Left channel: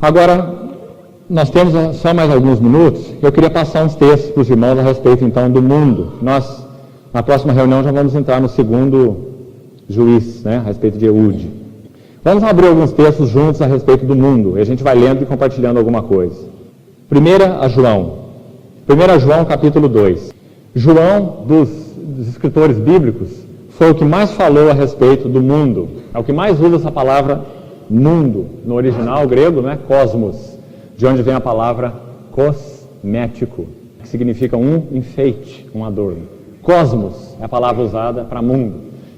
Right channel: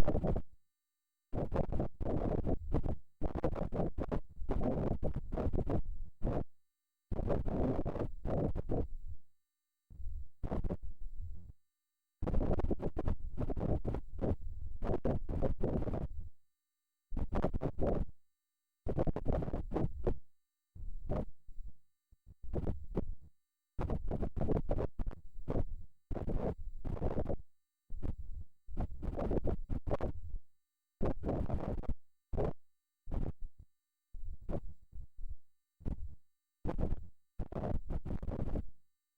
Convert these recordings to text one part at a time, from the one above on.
Agora, nós temos só mais alguns minutos. Eu queria passar uns textos para os irmãos a respeito, então, do mundo. Nós, na próxima reunião, já vamos entrar no segundo juiz, né, a respeito de Eude. Vamos abrir alguns textos juntos a respeito do mundo, e a gente vai lendo e compartilhando alguma coisa. 1 João, capítulo 2. João, dos escritores bíblicos, foi o que mais falou a respeito do mundo. É o que mais usa essa palavra mundo. No original grego, né, cosmos, de onde vem a palavra cosmético, que significa um enfeite, um adorno. Cosmos é a palavra usada para mundo.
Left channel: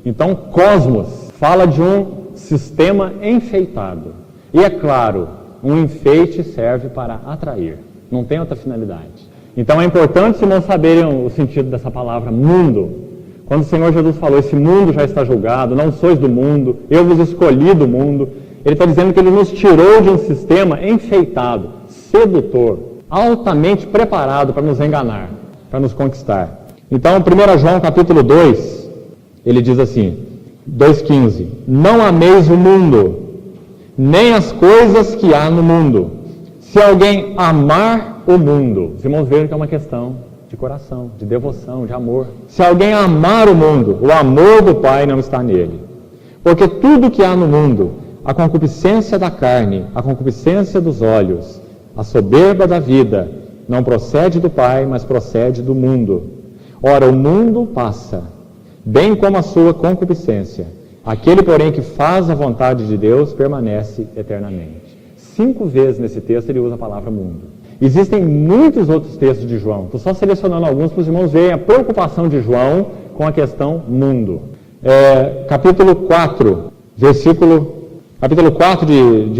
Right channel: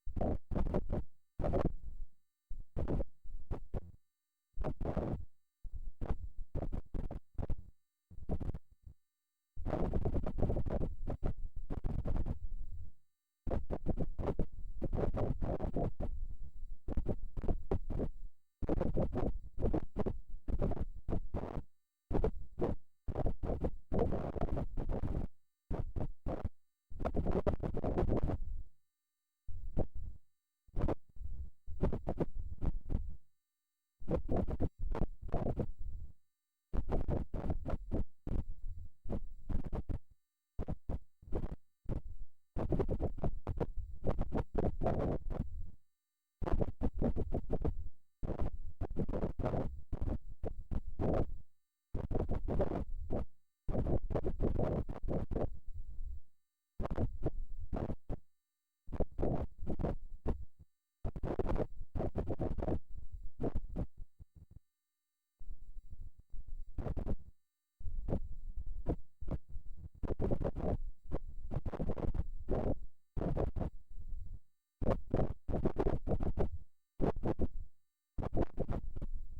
Então, cosmos fala de um sistema enfeitado. E é claro, um enfeite serve para atrair, não tem outra finalidade. Então é importante os irmãos saberem o sentido dessa palavra mundo. Quando o Senhor Jesus falou, esse mundo já está julgado, não sois do mundo, eu vos escolhi do mundo, Ele está dizendo que Ele nos tirou de um sistema enfeitado, sedutor, altamente preparado para nos enganar, para nos conquistar. Então, 1 João capítulo 2, ele diz assim, 2,15: Não ameis o mundo, nem as coisas que há no mundo. Se alguém amar o mundo, os irmãos veem que é uma questão de coração, de devoção, de amor. Se alguém amar o mundo, o amor do Pai não está nele. Porque tudo que há no mundo, a concupiscência da carne, a concupiscência dos olhos, a soberba da vida, não procede do Pai, mas procede do mundo. Ora, o mundo passa, bem como a sua concupiscência. Aquele, porém, que faz a vontade de Deus, permanece eternamente. 5 vezes nesse texto ele usa a palavra mundo. Existem muitos outros textos de João. Estou só selecionando alguns para os irmãos verem a preocupação de João com a questão mundo. Capítulo 4 de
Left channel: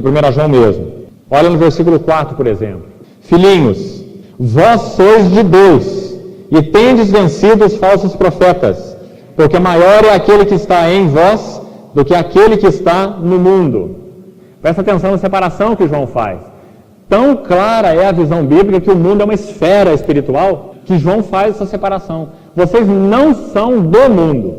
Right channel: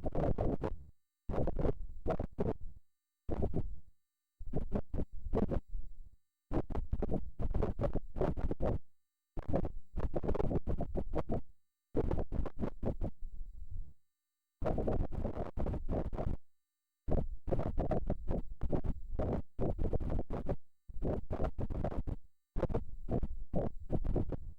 1 João mesmo. Olha no versículo 4, por exemplo. Filhinhos, vós sois de Deus e tendes vencido os falsos profetas, porque maior é aquele que está em vós do que aquele que está no mundo. Presta atenção na separação que João faz. Tão clara é a visão bíblica que o mundo é uma esfera espiritual que João faz essa separação. Vocês não são do mundo.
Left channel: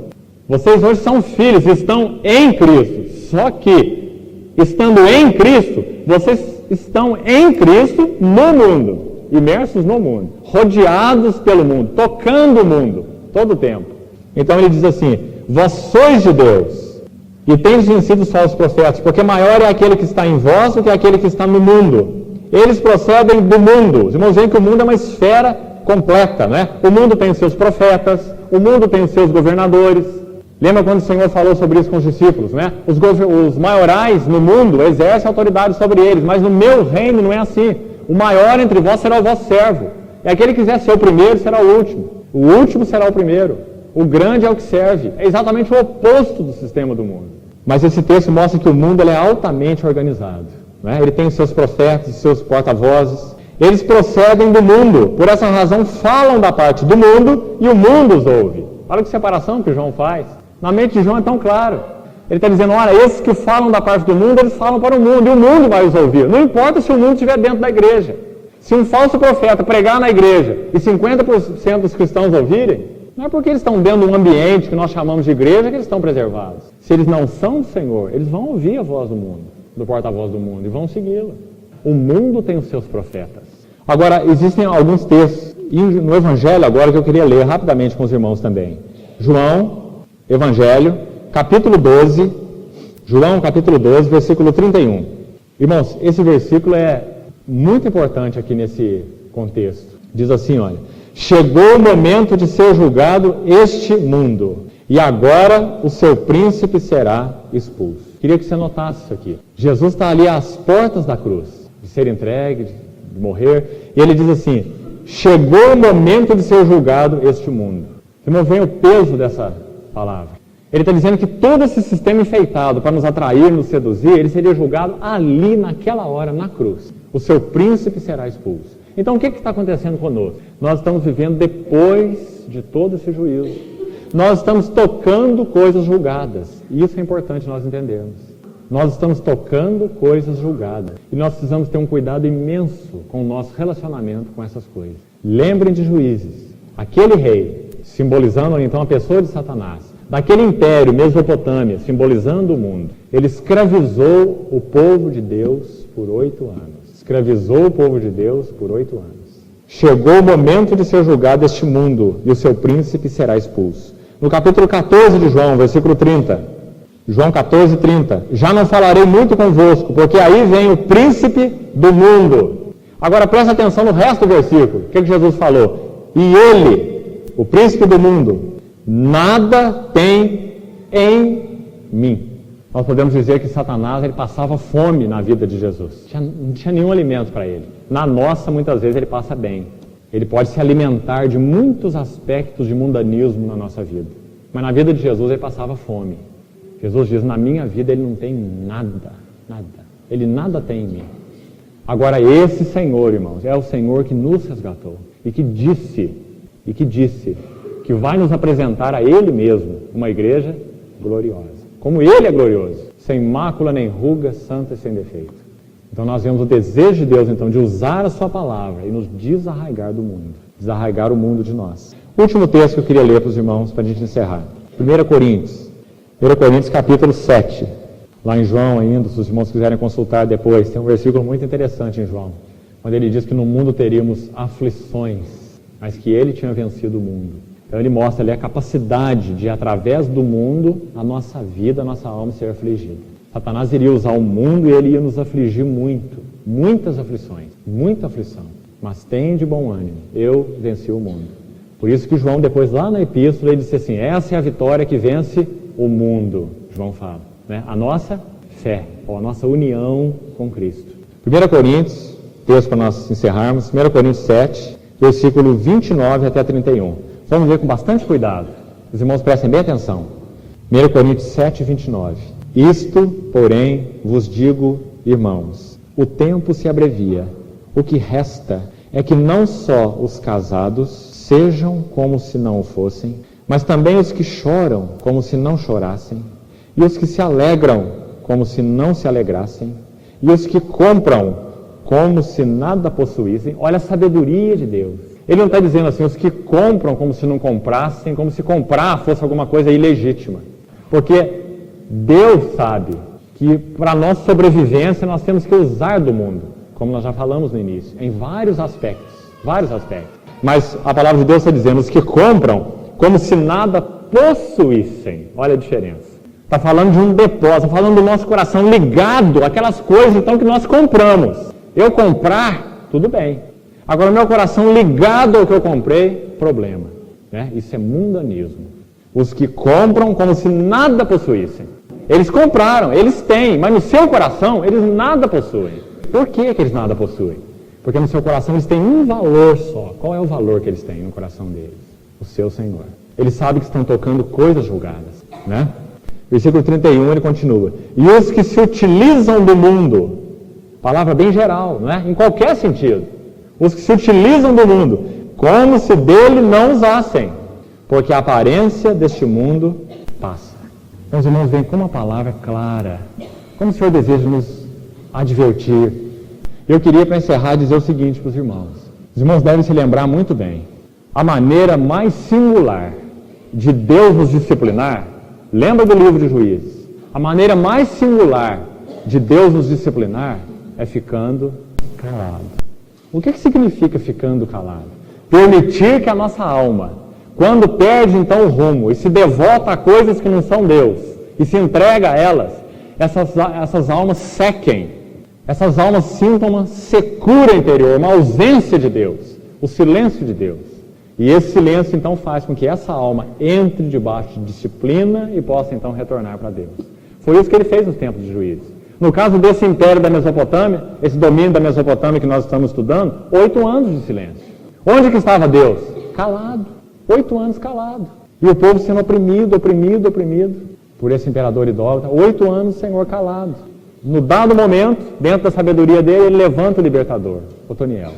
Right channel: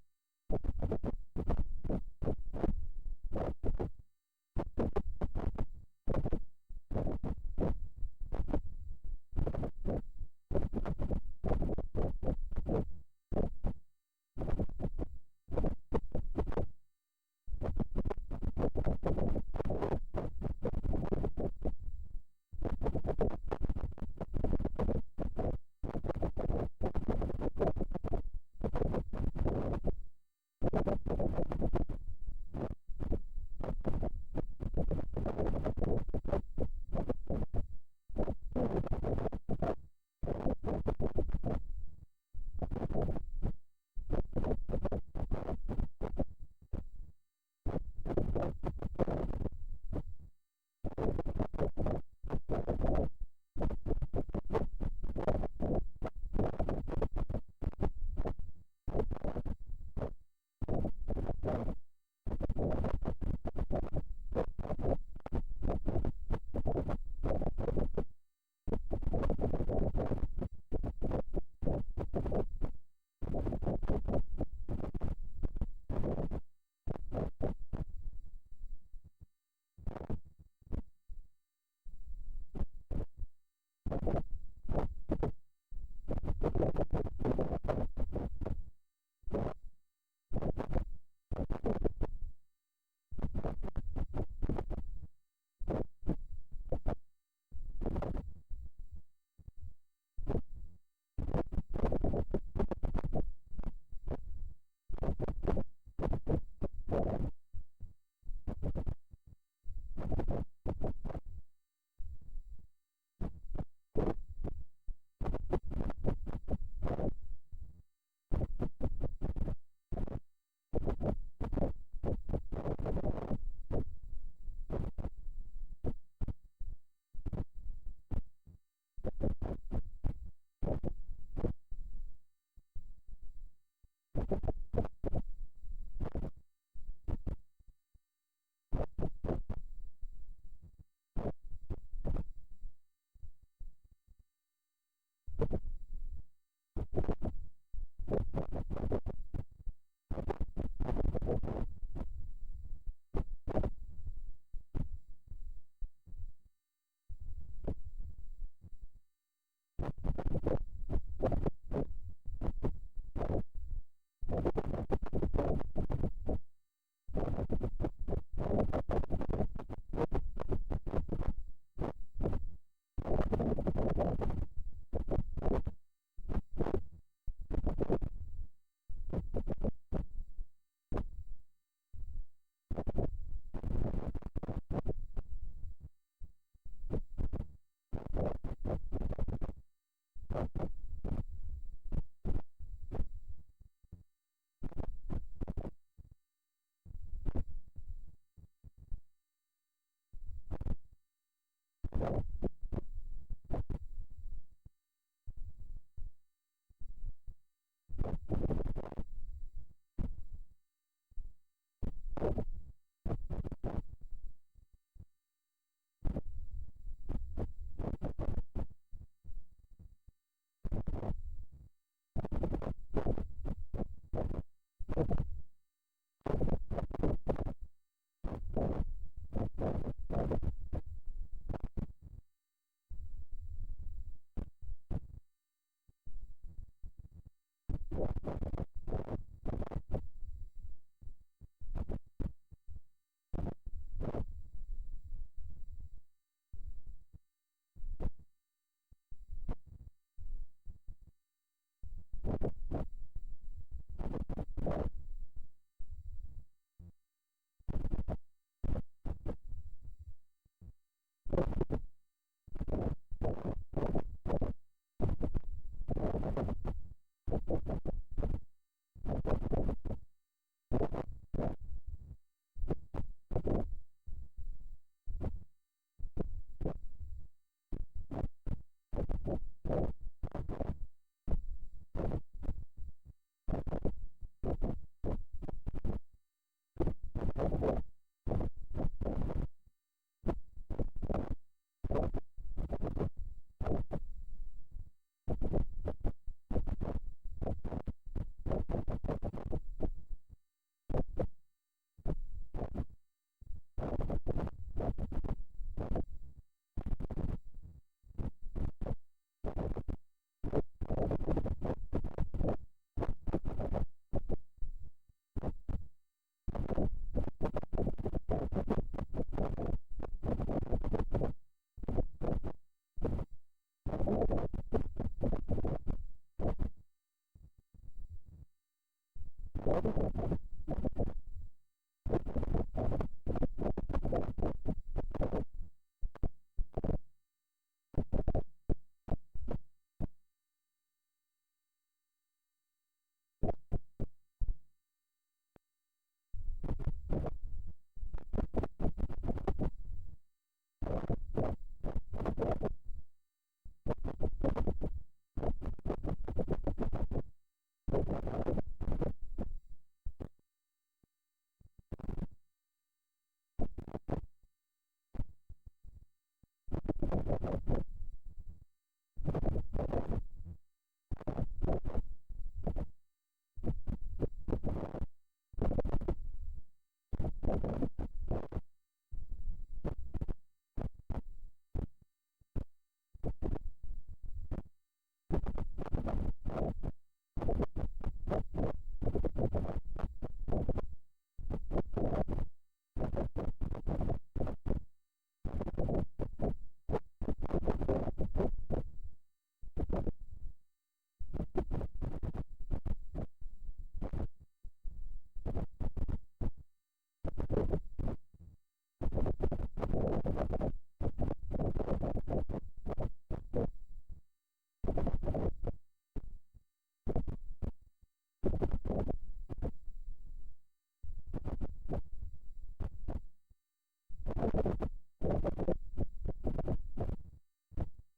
Vocês hoje são filhos, estão em Cristo. Só que, estando em Cristo, vocês estão em Cristo no mundo. Imersos no mundo. Rodeados pelo mundo. Tocando o mundo. Todo o tempo. Então ele diz assim, vós sois de Deus. E tendes vencido os falsos profetas, porque maior é aquele que está em vós do que aquele que está no mundo. Eles procedem do mundo. Os irmãos veem que o mundo é uma esfera completa, né? O mundo tem os seus profetas, o mundo tem os seus governadores. Lembra quando o Senhor falou sobre isso com os discípulos, né? Os maiorais no mundo exercem autoridade sobre eles, mas no meu reino não é assim. O maior entre vós será o vosso servo. E aquele que quiser ser o primeiro será o último. O último será o primeiro. O grande é o que serve. É exatamente o oposto do sistema do mundo. Mas esse texto mostra que o mundo ele é altamente organizado. Né? Ele tem os seus profetas, os seus porta-vozes. Eles procedem do mundo. Por essa razão, falam da parte do mundo e o mundo os ouve. Olha que separação que João faz. Na mente de João é tão claro. Ele está dizendo, olha, esses que falam da parte do mundo, eles falam para o mundo. E o mundo vai os ouvir. Não importa se o mundo estiver dentro da igreja. Se um falso profeta pregar na igreja e 50% dos cristãos ouvirem, não é porque eles estão dentro de um ambiente que nós chamamos de igreja que eles estão preservados. Se eles não são do Senhor, eles vão ouvir a voz do mundo, do porta-voz do mundo, e vão segui-la. O mundo tem os seus profetas. Agora, existem alguns textos, e no Evangelho agora que eu queria ler rapidamente com os irmãos também. João, Evangelho, capítulo 12, João, capítulo 12, versículo 31. Irmãos, esse versículo é muito importante aqui nesse contexto. Diz assim, olha, chegou o momento de ser julgado este mundo, e agora o seu príncipe será expulso. Queria que você notasse isso aqui. Jesus está ali às portas da cruz, de ser entregue, de morrer, e ele diz assim, chegou o momento de ser julgado este mundo. Você não vê o peso dessa palavra. Ele está dizendo que todo esse sistema enfeitado para nos atrair, nos seduzir, ele seria julgado ali, naquela hora, na cruz. O seu príncipe será expulso. Então, o que está acontecendo conosco? Nós estamos vivendo depois de todo esse juízo. Nós estamos tocando coisas julgadas. E isso é importante nós entendermos. Nós estamos tocando coisas julgadas. E nós precisamos ter um cuidado imenso com o nosso relacionamento com essas coisas. Lembrem de Juízes. Aquele rei, simbolizando então a pessoa de Satanás, daquele império, Mesopotâmia, simbolizando o mundo, ele escravizou o povo de Deus por 8 anos. Escravizou o povo de Deus por 8 anos. Chegou o momento de ser julgado este mundo e o seu príncipe será expulso. No capítulo 14 de João, versículo 30, João 14, 30, já não falarei muito convosco, porque aí vem o príncipe do mundo. Agora presta atenção no resto do versículo. O que Jesus falou? E ele, o príncipe do mundo, nada tem em mim. Nós podemos dizer que Satanás ele passava fome na vida de Jesus. Não tinha nenhum alimento para ele. Na nossa, muitas vezes, ele passa bem. Ele pode se alimentar de muitos aspectos de mundanismo na nossa vida. Mas na vida de Jesus, ele passava fome. Jesus diz, na minha vida, ele não tem nada, nada. Ele nada tem em mim. Agora, esse Senhor, irmãos, é o Senhor que nos resgatou. E que disse que vai nos apresentar a Ele mesmo uma igreja gloriosa. Como Ele é glorioso, sem mácula nem ruga, santa e sem defeito. Então nós vemos o desejo de Deus, então, de usar a sua palavra e nos desarraigar do mundo. Desarraigar o mundo de nós. Último texto que eu queria ler para os irmãos, para a gente encerrar. 1 Coríntios capítulo 7. Lá em João ainda, se os irmãos quiserem consultar depois, tem um versículo muito interessante em João, onde ele diz que no mundo teríamos aflições, mas que ele tinha vencido o mundo. Então ele mostra ali a capacidade de, através do mundo, a nossa vida, a nossa alma ser afligida. Satanás iria usar o mundo e ele ia nos afligir muito, muitas aflições, muita aflição. Mas tem de bom ânimo, eu venci o mundo. Por isso que João, depois lá na epístola, ele disse assim, essa é a vitória que vence o mundo, João fala, né? A nossa fé, ou a nossa união com Cristo. 1 Coríntios, texto para nós encerrarmos, 1 Coríntios 7, versículo 29 até 31. Vamos ver com bastante cuidado. Os irmãos prestem bem atenção. 1 Coríntios 7, 29. Isto, porém, vos digo, irmãos, o tempo se abrevia. O que resta é que não só os casados sejam como se não o fossem, mas também os que choram como se não chorassem, e os que se alegram como se não se alegrassem, e os que compram como se nada possuíssem. Olha a sabedoria de Deus. Ele não está dizendo assim, os que compram como se não comprassem, como se comprar fosse alguma coisa ilegítima. Porque Deus sabe que para a nossa sobrevivência nós temos que usar do mundo, como nós já falamos no início, em vários aspectos. Mas a palavra de Deus está dizendo, os que compram como se nada possuíssem. Olha a diferença. Está falando de um depósito, está falando do nosso coração ligado àquelas coisas então que nós compramos. Eu comprar, tudo bem. Agora, o meu coração ligado ao que eu comprei, problema. Né? Isso é mundanismo. Os que compram como se nada possuíssem. Eles compraram, eles têm, mas no seu coração eles nada possuem. Por que eles nada possuem? Porque no seu coração eles têm um valor só. Qual é o valor que eles têm no coração deles? O seu Senhor. Eles sabem que estão tocando coisas julgadas. Né? Versículo 31, ele continua. E os que se utilizam do mundo, palavra bem geral, né? Em qualquer sentido. Os que se utilizam do mundo, como se dele não usassem, porque a aparência deste mundo passa. Meus irmãos, veem como a palavra é clara, como o Senhor deseja nos advertir. Eu queria, para encerrar, dizer o seguinte para os irmãos. Os irmãos devem se lembrar muito bem. A maneira mais singular de Deus nos disciplinar, lembra do livro de Juízes, a maneira mais singular de Deus nos disciplinar é ficando calado. O que significa ficando calado? Permitir que a nossa alma, quando perde então o rumo e se devota a coisas que não são Deus e se entrega a elas, essas almas sequem, essas almas sintam uma secura interior, uma ausência de Deus, o silêncio de Deus. E esse silêncio então faz com que essa alma entre debaixo de disciplina e possa então retornar para Deus. Foi isso que ele fez nos tempos de Juízes. No caso desse império da Mesopotâmia, esse domínio da Mesopotâmia que nós estamos estudando, 8 anos de silêncio. Onde que estava Deus? Calado. 8 anos calado. E o povo sendo oprimido por esse imperador idólatra. 8 anos o Senhor calado. No dado momento, dentro da sabedoria dele, ele levanta o libertador, Otoniel.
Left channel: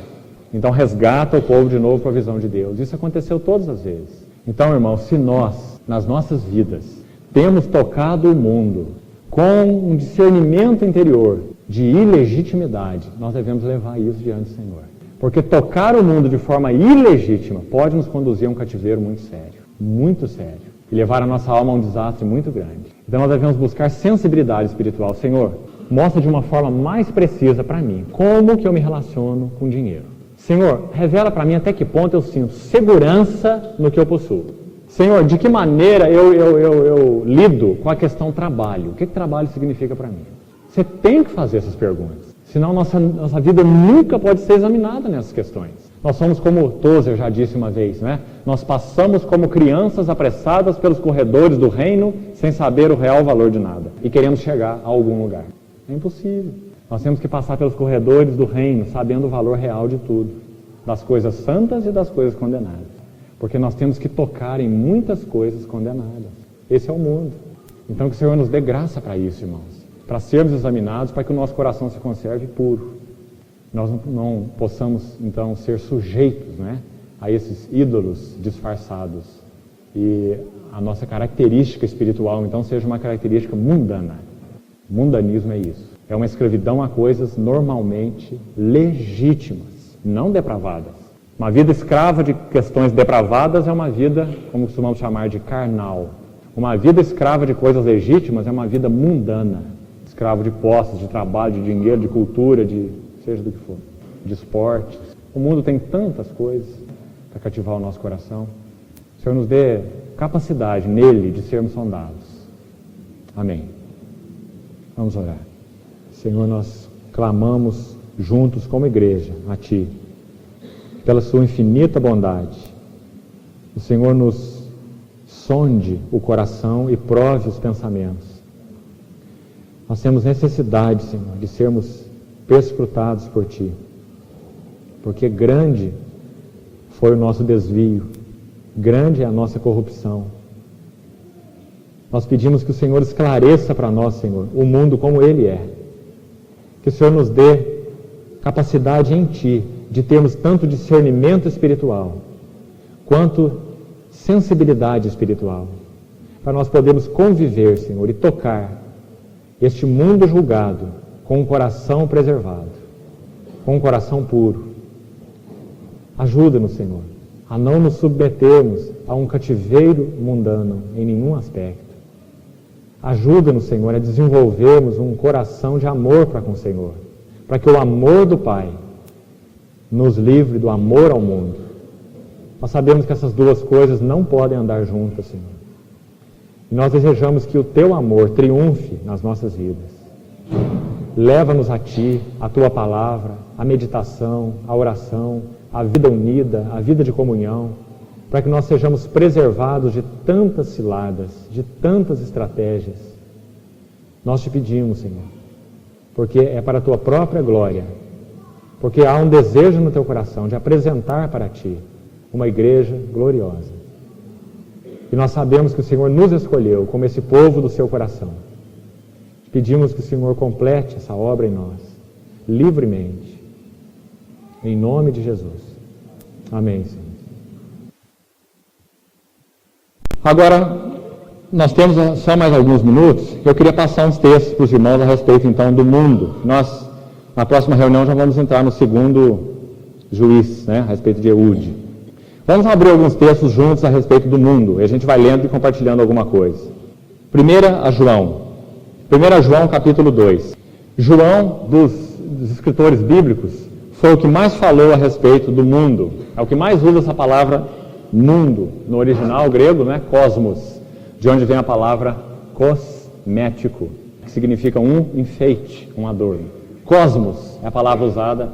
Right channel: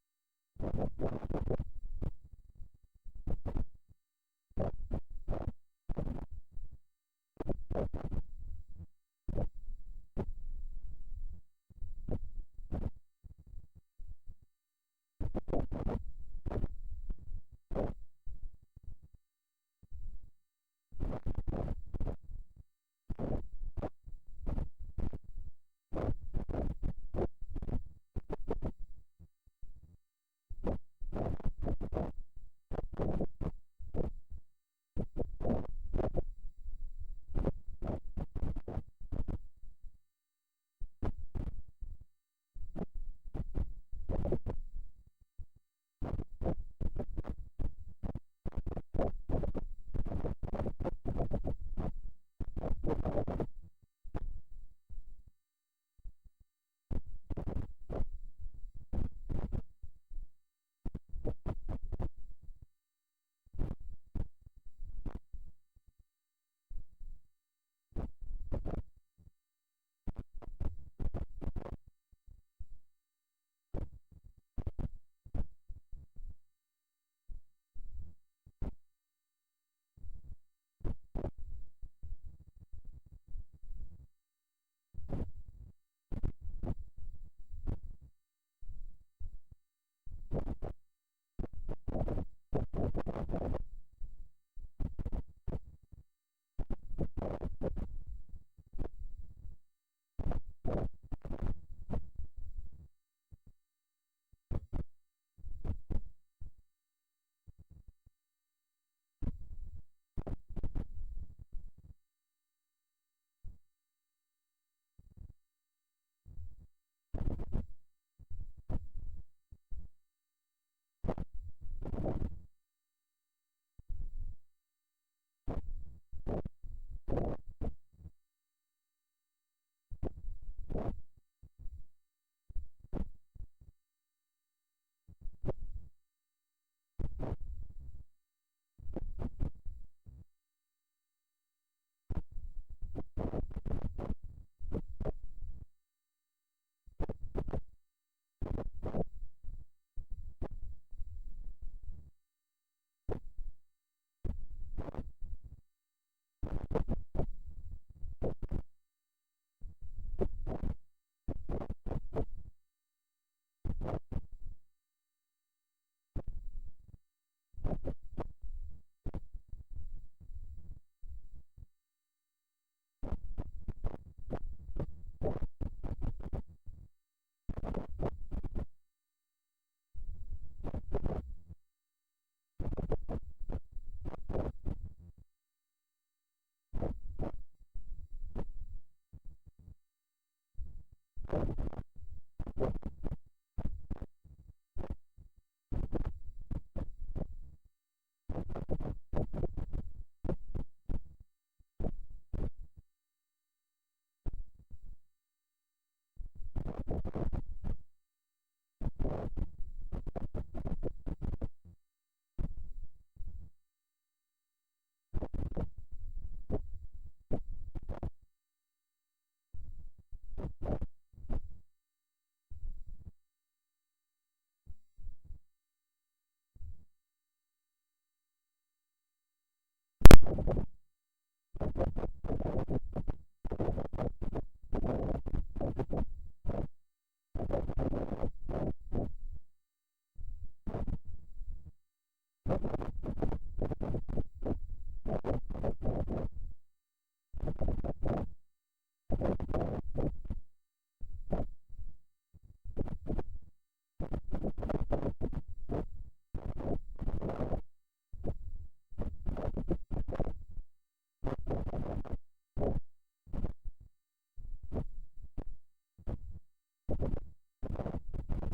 Então resgata o povo de novo para a visão de Deus. Isso aconteceu todas as vezes. Então, irmãos, se nós, nas nossas vidas, temos tocado o mundo com um discernimento interior de ilegitimidade, nós devemos levar isso diante do Senhor. Porque tocar o mundo de forma ilegítima pode nos conduzir a um cativeiro muito sério. Muito sério. e levar a nossa alma a um desastre muito grande. Então nós devemos buscar sensibilidade espiritual. Senhor, mostra de uma forma mais precisa para mim como que eu me relaciono com dinheiro. Senhor, revela para mim até que ponto eu sinto segurança no que eu possuo. Senhor, de que maneira eu lido com a questão trabalho? O que trabalho significa para mim? Você tem que fazer essas perguntas. Senão nossa vida nunca pode ser examinada nessas questões. Nós somos como Tozer já disse uma vez, né? Nós passamos como crianças apressadas pelos corredores do reino sem saber o real valor de nada e queremos chegar a algum lugar. É impossível. Nós temos que passar pelos corredores do reino sabendo o valor real de tudo, das coisas santas e das coisas condenadas. Porque nós temos que tocar em muitas coisas condenadas. Esse é o mundo. Então que o Senhor nos dê graça para isso, irmãos. Para sermos examinados, para que o nosso coração se conserve puro. Nós não possamos, então, ser sujeitos, né, a esses ídolos disfarçados. E a nossa característica espiritual, então, seja uma característica mundana. Mundanismo é isso. É uma escravidão a coisas normalmente legítimas, não depravadas. Uma vida escrava de questões depravadas é uma vida, como costumamos chamar de carnal. Uma vida escrava de coisas legítimas é uma vida mundana. Escravo de posses, de trabalho, de dinheiro, de cultura, de seja do que for, de esportes. O mundo tem tantas coisas para cativar o nosso coração. O Senhor nos dê capacidade nele de sermos sondados. Amém. Vamos orar. Senhor, nós clamamos juntos como igreja a Ti, pela Sua infinita bondade. O Senhor nos sonde o coração e prove os pensamentos. Nós temos necessidade, Senhor, de sermos perscrutados por Ti, porque grande foi o nosso desvio, grande é a nossa corrupção. Nós pedimos que o Senhor esclareça para nós, Senhor, o mundo como ele é. Que o Senhor nos dê capacidade em Ti de termos tanto discernimento espiritual quanto sensibilidade espiritual, para nós podermos conviver, Senhor, e tocar este mundo julgado com um coração preservado, com um coração puro. Ajuda-nos, Senhor, a não nos submetermos a um cativeiro mundano em nenhum aspecto. Ajuda-nos, Senhor, a desenvolvermos um coração de amor para com o Senhor, para que o amor do Pai nos livre do amor ao mundo. Nós sabemos que essas duas coisas não podem andar juntas, Senhor. E nós desejamos que o Teu amor triunfe nas nossas vidas. Leva-nos a Ti, a Tua palavra, a meditação, a oração, a vida unida, a vida de comunhão, para que nós sejamos preservados de tantas ciladas, de tantas estratégias. Nós Te pedimos, Senhor, porque é para a Tua própria glória, porque há um desejo no Teu coração de apresentar para Ti uma igreja gloriosa. E nós sabemos que o Senhor nos escolheu como esse povo do Seu coração. Pedimos que o Senhor complete essa obra em nós, livremente, em nome de Jesus. Amém, Senhor. Agora, nós temos só mais alguns minutos. Eu queria passar uns textos para os irmãos a respeito, então, do mundo. Nós, na próxima reunião, já vamos entrar no segundo juiz, né, a respeito de Eude. Vamos abrir alguns textos juntos a respeito do mundo, e a gente vai lendo e compartilhando alguma coisa. Primeira a João. 1 João, capítulo 2. João, dos escritores bíblicos, foi o que mais falou a respeito do mundo. É o que mais usa essa palavra mundo. No original grego, né? Cosmos, de onde vem a palavra cosmético, que significa um enfeite, um adorno. Cosmos é a palavra usada